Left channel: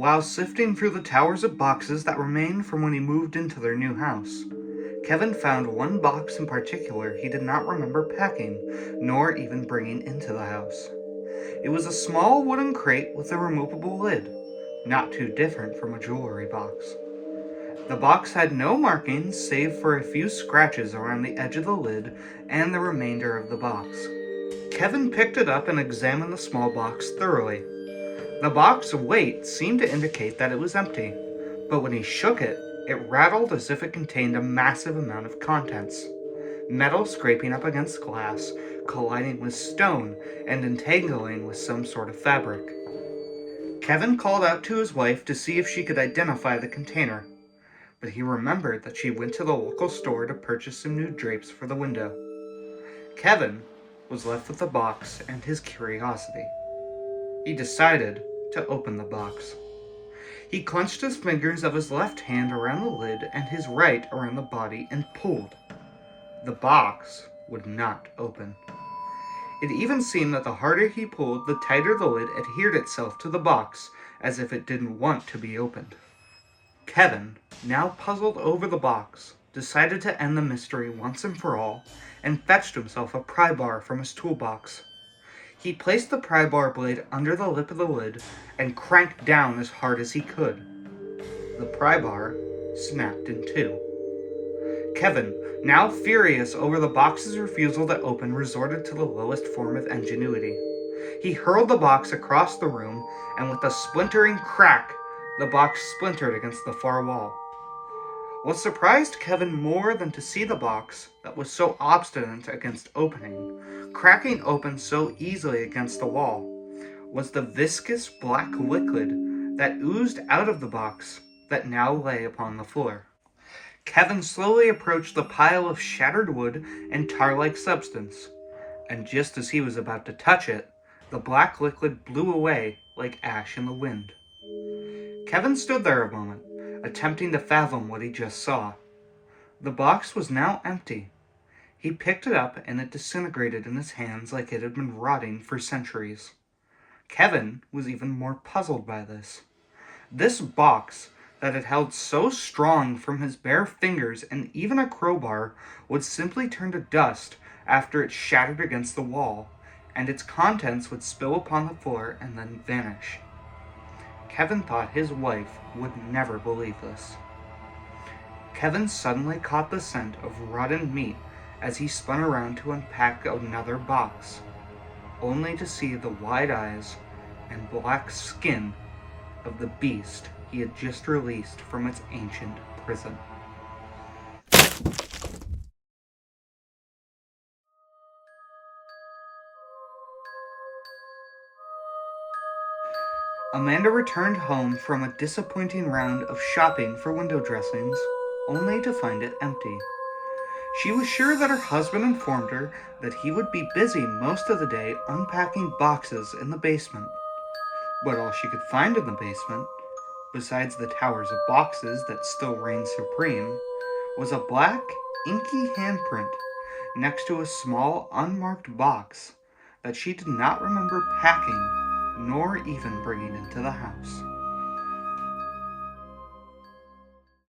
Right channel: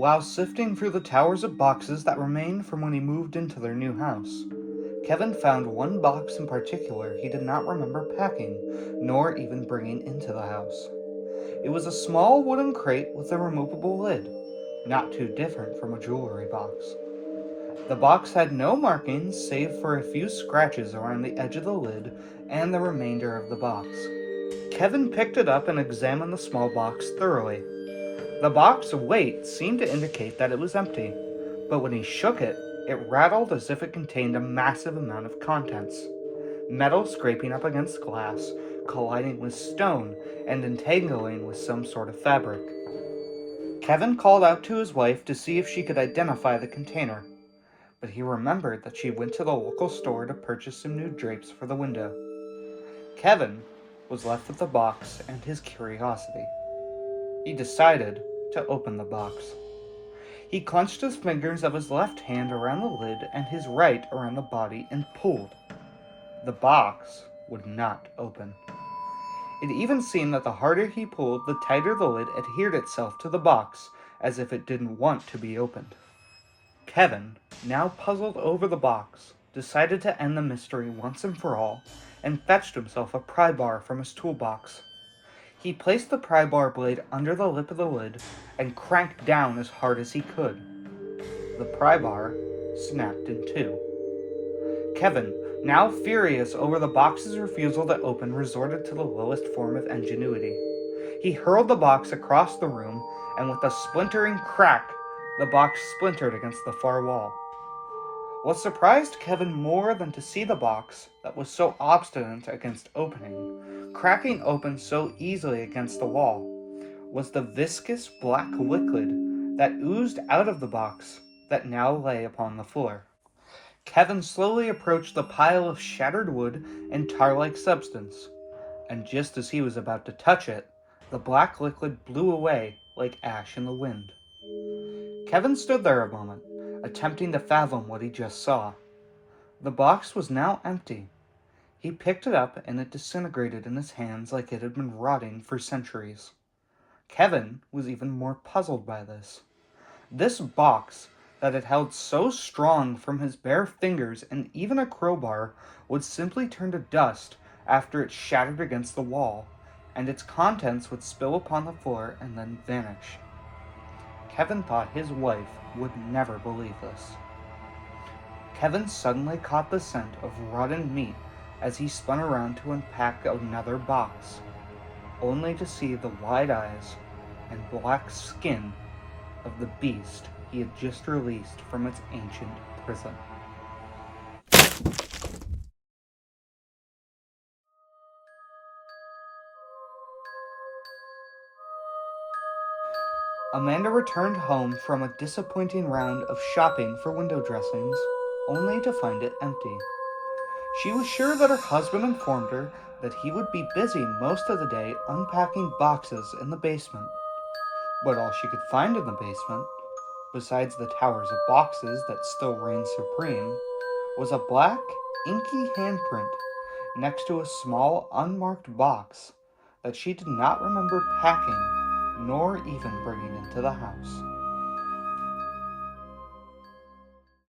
While sifting through the towers of boxes that remained from when he moved into their new house, Kevin found one box in particular he did not remember packing, nor even bringing into the house. It was a small wooden crate with a removable lid, not too different from a jewelry box. The box had no markings save for a few scratches around the edge of the lid and the remainder of the box. Kevin picked it up and examined the small box thoroughly. The box's weight seemed to indicate that it was empty, but when he shook it, it rattled as if it contained a massive amount of contents. Metal scraping up against glass, colliding with stone, and entangling with some sort of fabric. Kevin called out to his wife to see if she could identify the container, but he remembered that she went to the local store to purchase some new drapes for the window. Kevin was left with the box and his curiosity. He decided to open the box. He clenched his fingers of his left hand around the lid and his right around the body and pulled. The box would not open. It even seemed that the harder he pulled, the tighter the lid adhered itself to the box, as if it didn't want to be opened. Kevin, now puzzled over the box, decided to end the mystery once and for all, and fetched himself a pry bar from his toolbox. He placed the pry bar blade under the lip of the lid and cranked down as hard as he could. The pry bar snapped in two. Kevin, now furious over the box's refusal to open, resorted to the lowest form of ingenuity. He hurled the box across the room, and with a splintering crack, the box splintered against the far wall. What surprised Kevin more than to see the box, that was so obstinate against opening, cracking open so easily against the wall, was the viscous black liquid that oozed out of the box that now lay upon the floor. Kevin slowly approached the pile of shattered wood and tar-like substance, and just as he was about to touch it, the black liquid blew away like ash in the wind. Kevin stood there a moment, attempting to fathom what he just saw. The box was now empty. He picked it up and it disintegrated in his hands like it had been rotting for centuries. Kevin was even more puzzled by this. This box that had held so strong from his bare fingers and even a crowbar would simply turn to dust after it shattered against the wall, and its contents would spill upon the floor and then vanish. Kevin thought his wife would never believe this. Kevin suddenly caught the scent of rotten meat as he spun around to unpack another box, only to see the wide eyes and black skin of the beast he had just released from its ancient prison. Amanda returned home from a disappointing round of shopping for window dressings, only to find it empty. She was sure that her husband informed her that he would be busy most of the day unpacking boxes in the basement. But all she could find in the basement, besides the towers of boxes that still reigned supreme, was a black, inky handprint next to a small, unmarked box that she did not remember packing nor even bringing into the house.